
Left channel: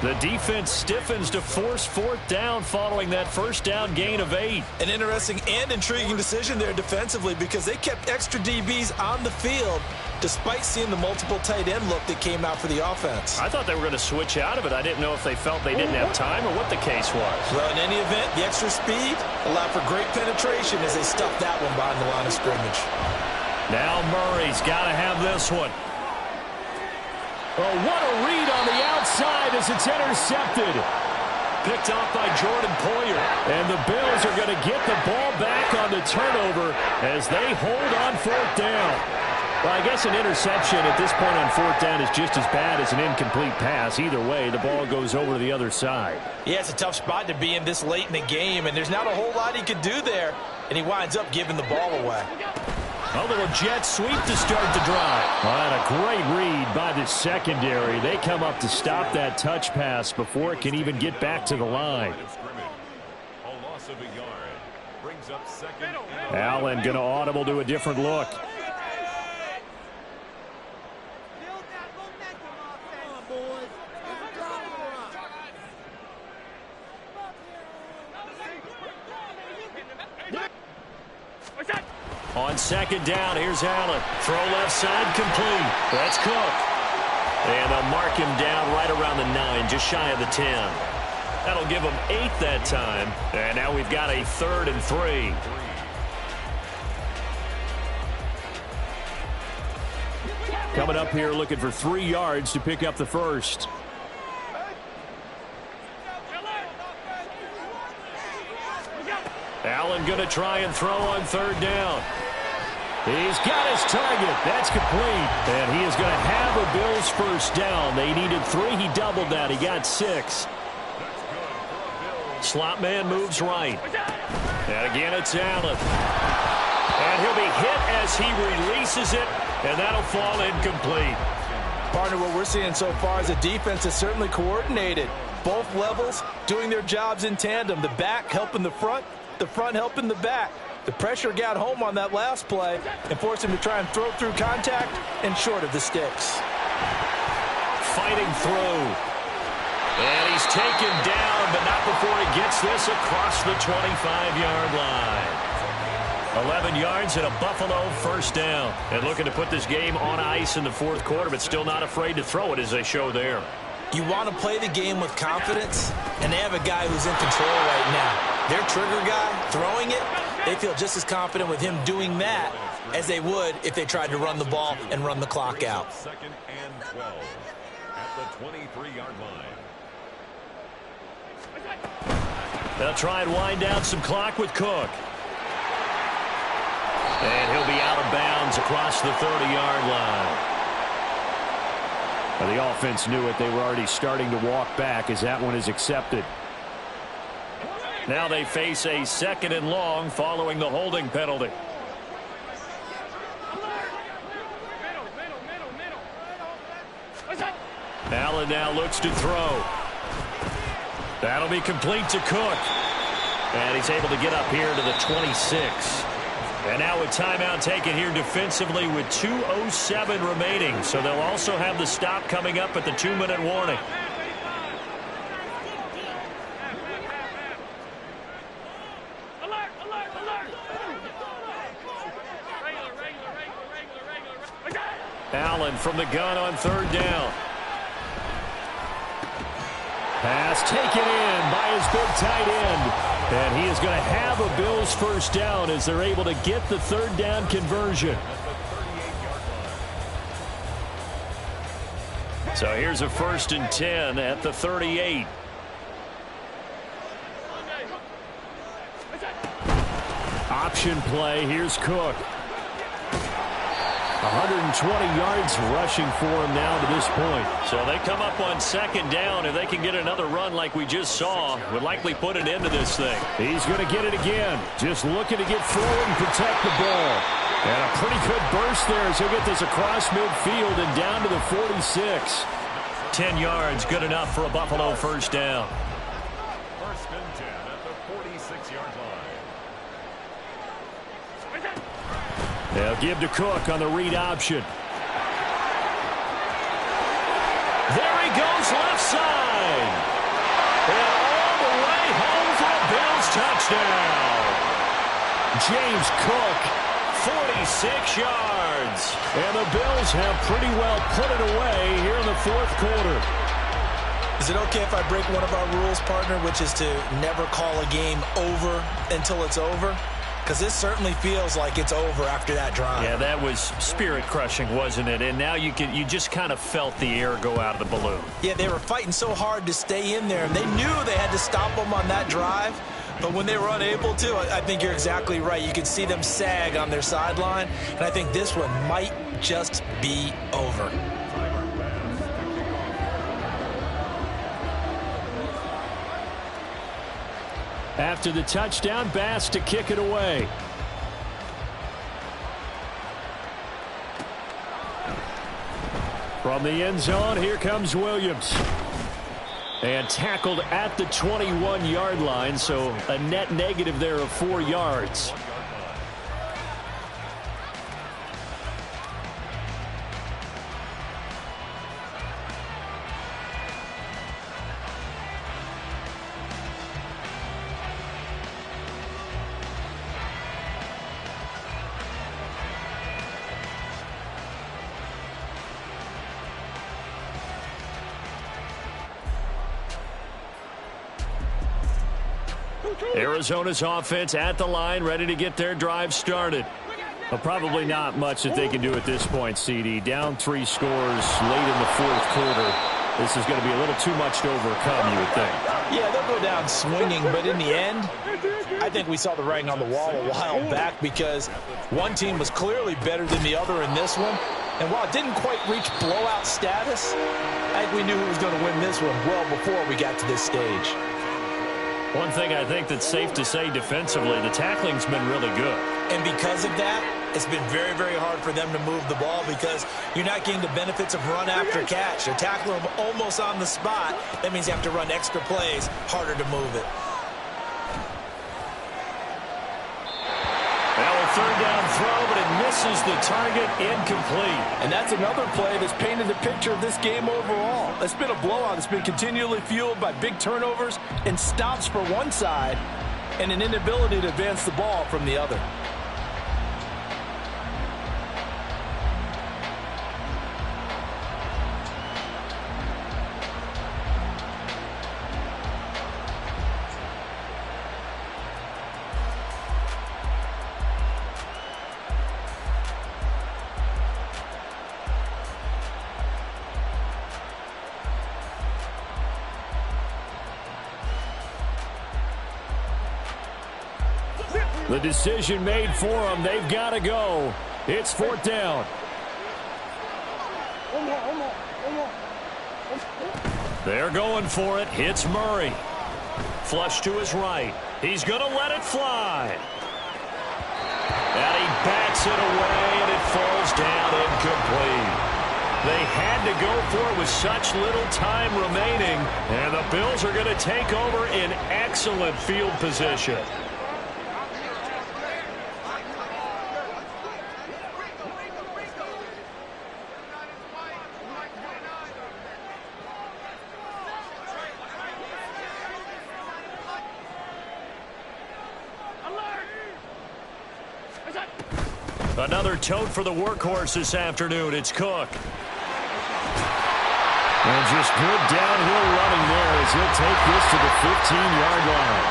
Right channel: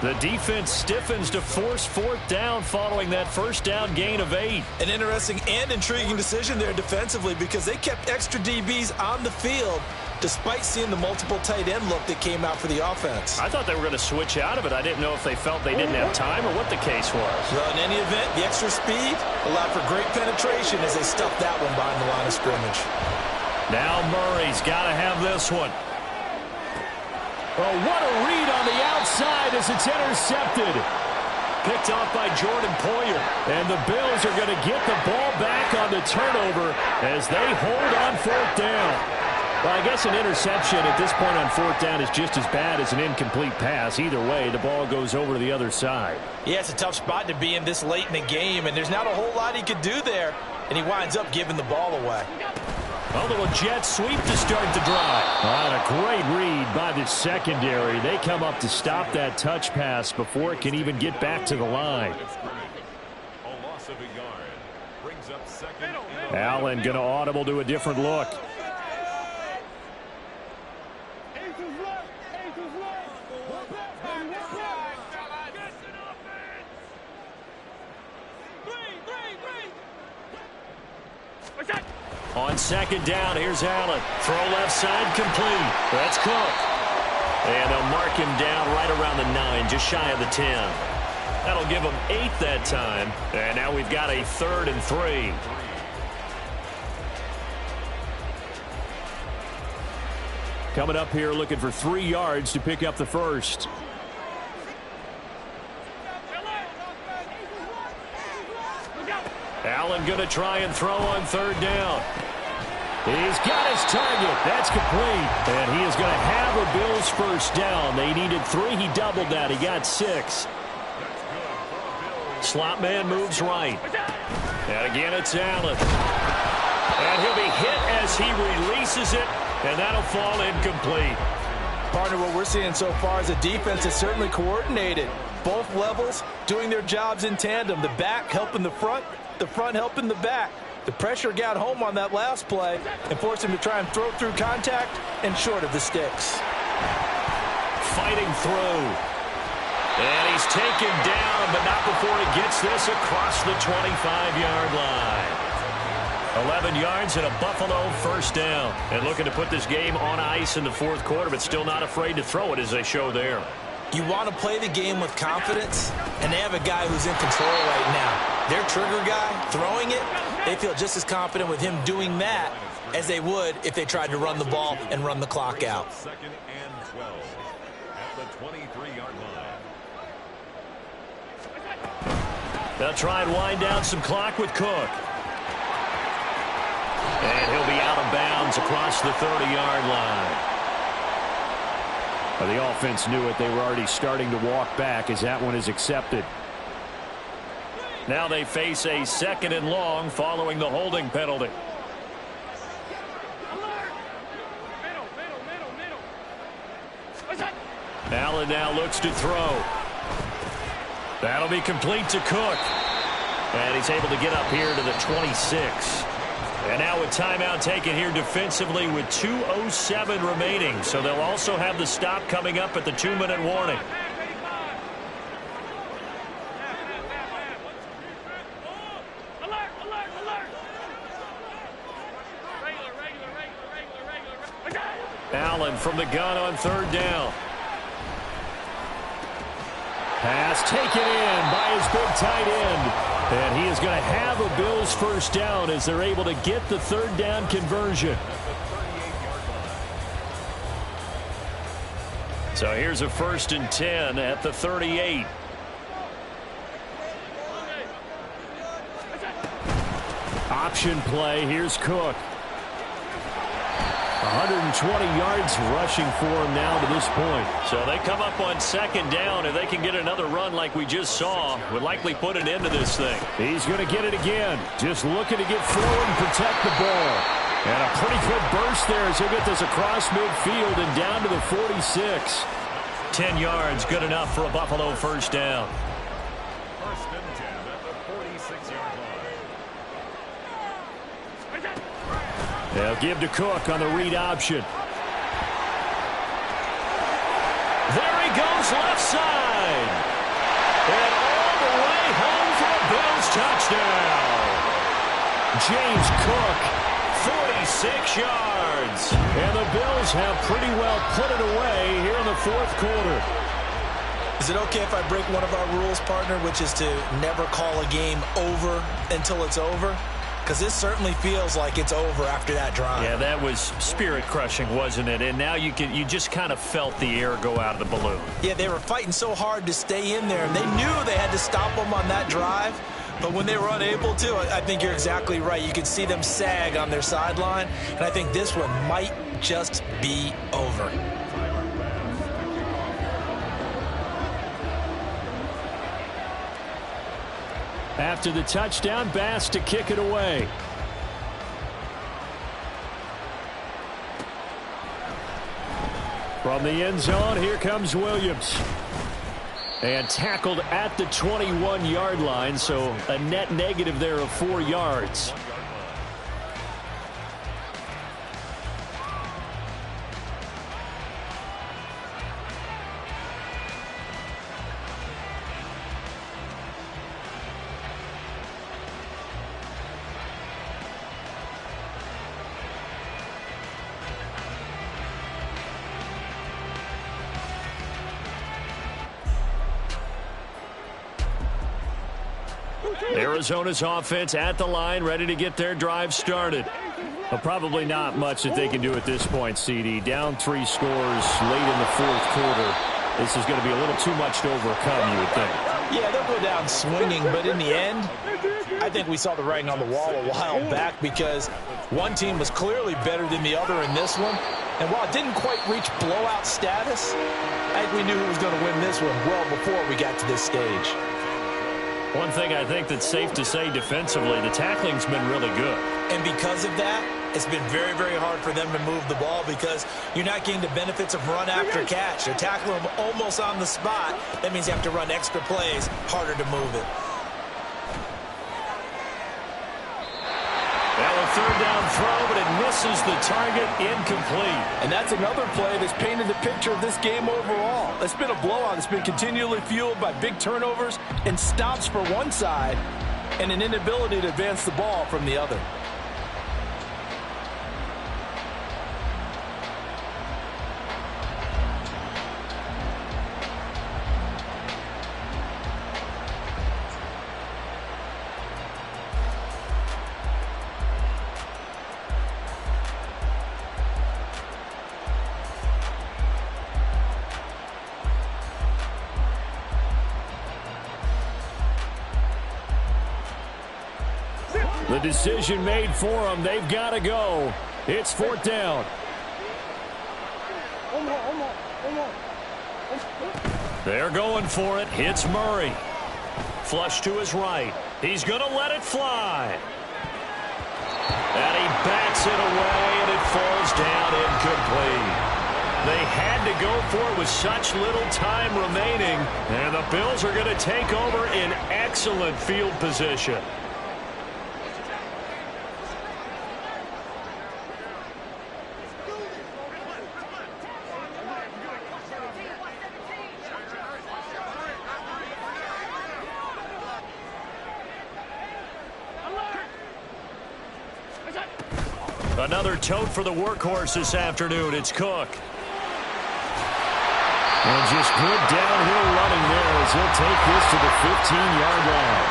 The defense stiffens to force 4th down following that 1st down gain of 8. An interesting and intriguing decision there defensively because they kept extra DBs on the field despite seeing the multiple tight end look that came out for the offense. I thought they were going to switch out of it. I didn't know if they felt they didn't have time or what the case was. Well, in any event, the extra speed allowed for great penetration as they stuffed that one behind the line of scrimmage. Now Murray's got to have this one. Oh, what a read on the outside as it's intercepted. Picked off by Jordan Poyer. And the Bills are going to get the ball back on the turnover as they hold on 4th down. Well, I guess an interception at this point on 4th down is just as bad as an incomplete pass. Either way, the ball goes over to the other side. Yeah, it's a tough spot to be in this late in the game, and there's not a whole lot he could do there, and he winds up giving the ball away. A little jet sweep to start the drive. And a great read by the secondary. They come up to stop that touch pass before it can even get back to the line. A loss of a yard. Brings up 2nd and Allen going to audible to a different look. On 2nd down, here's Allen. Throw left side, complete. That's Cook. And they'll mark him down right around the 9, just shy of the 10. That'll give them 8 that time. And now we've got a 3rd and 3. Coming up here looking for 3 yards to pick up the first. Allen going to try and throw on 3rd down. He's got his target. That's complete. And he is going to have a Bills first down. They needed 3. He doubled that. He got 6. Slot man moves right. And again, it's Allen. And he'll be hit as he releases it, and that'll fall incomplete. Partner, what we're seeing so far is a defense that's certainly coordinated. Both levels doing their jobs in tandem. The back helping the front helping the back. The pressure got home on that last play and forced him to try and throw through contact and short of the sticks. Fighting through. And he's taken down, but not before he gets this across the 25-yard line. 11 yards and a Buffalo first down. And looking to put this game on ice in the 4th quarter, but still not afraid to throw it as they show there. You want to play the game with confidence, and they have a guy who's in control right now. Their trigger guy, throwing it, they feel just as confident with him doing that as they would if they tried to run the ball and run the clock out. 2nd and 12 at the 23-yard line. They'll try and wind down some clock with Cook. And he'll be out of bounds across the 30-yard line. Well, the offense knew it. They were already starting to walk back as that one is accepted. Now they face a 2nd and long following the holding penalty. Allen now looks to throw. That'll be complete to Cook. And he's able to get up here to the 26. And now a timeout taken here defensively with 2:07 remaining. So they'll also have the stop coming up at the 2-minute warning. Allen from the gun on 3rd down. Pass taken in by his big tight end. And he is going to have a Bills first down as they're able to get the third down conversion. So here's a 1st and 10 at the 38. Option play. Here's Cook. 120 yards rushing for him now to this point. So they come up on 2nd down. If they can get another run like we just saw, would likely put an end to this thing. He's going to get it again. Just looking to get forward and protect the ball. And a pretty good burst there as he'll get this across midfield and down to the 46. 10 yards, good enough for a Buffalo first down. 1st and 10 at the 46-yard line. They'll give to Cook on the read option. There he goes left side. And all the way home for a Bills touchdown. James Cook. 46 yards. And the Bills have pretty well put it away here in the 4th quarter. Is it okay if I break one of our rules, partner, which is to never call a game over until it's over? Because this certainly feels like it's over after that drive. Yeah, that was spirit-crushing, wasn't it? And now you just kind of felt the air go out of the balloon. Yeah, they were fighting so hard to stay in there, and they knew they had to stop them on that drive. But when they were unable to, I think you're exactly right. You could see them sag on their sideline, and I think this one might just be over. After the touchdown, Bass to kick it away. From the end zone, here comes Williams. And tackled at the 21-yard line, so a net negative there of 4 yards. Arizona's offense at the line, ready to get their drive started. But probably not much that they can do at this point, CD. Down 3 scores late in the 4th quarter. This is going to be a little too much to overcome, you would think. Yeah, they'll go down swinging, but in the end, I think we saw the writing on the wall a while back because one team was clearly better than the other in this one. And while it didn't quite reach blowout status, I think we knew who was going to win this one well before we got to this stage. One thing I think that's safe to say defensively, the tackling's been really good. And because of that, it's been very, very hard for them to move the ball because you're not getting the benefits of run after catch. They're tackling them almost on the spot. That means you have to run extra plays, harder to move it. Now a 3rd down throw, but it misses the target, incomplete. And that's another play that's painted the picture of this game overall. It's been a blowout. It's been continually fueled by big turnovers and stops for one side and an inability to advance the ball from the other. The decision made for them. They've got to go. It's 4th down. They're going for it. Hits Murray. Flush to his right. He's going to let it fly. And he bats it away, and it falls down incomplete. They had to go for it with such little time remaining, and the Bills are going to take over in excellent field position. Another tote for the workhorse this afternoon. It's Cook. And just good downhill running there as he'll take this to the 15-yard line.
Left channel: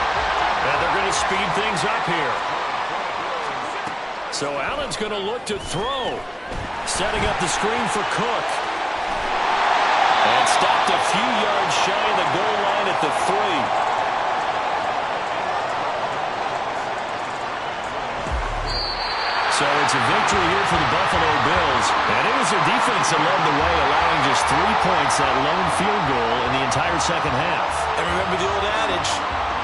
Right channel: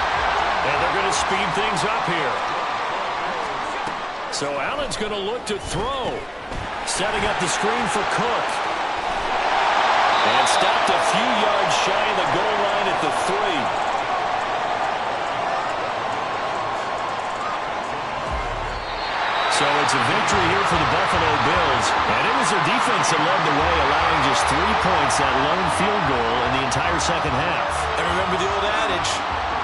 And they're going to speed things up here. So Allen's going to look to throw. Setting up the screen for Cook. And stopped a few yards shy of the goal line at the 3. So it's a victory here for the Buffalo Bills. And it was their defense that led the way, allowing just 3 points, that lone field goal in the entire second half. And remember the old adage,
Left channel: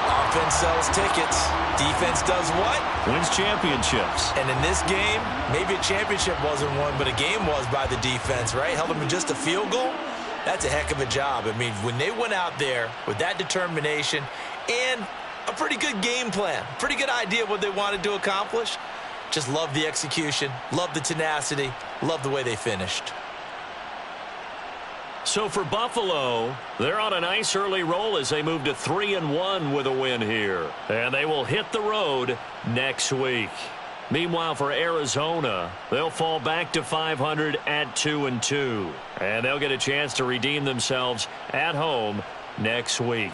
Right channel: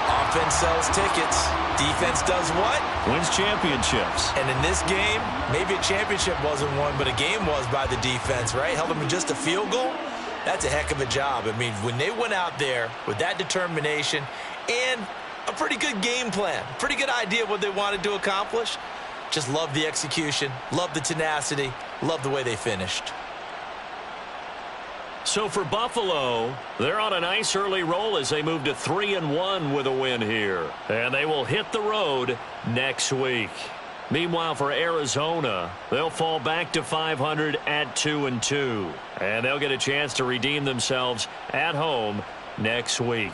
offense sells tickets. Defense does what? Wins championships. And in this game, maybe a championship wasn't won, but a game was by the defense, right? Held them to just a field goal. That's a heck of a job. I mean, when they went out there with that determination and a pretty good game plan, pretty good idea of what they wanted to accomplish, just love the execution, love the tenacity, love the way they finished. So for Buffalo, they're on a nice early roll as they move to 3-1 with a win here. And they will hit the road next week. Meanwhile, for Arizona, they'll fall back to 500 at 2-2. And they'll get a chance to redeem themselves at home next week.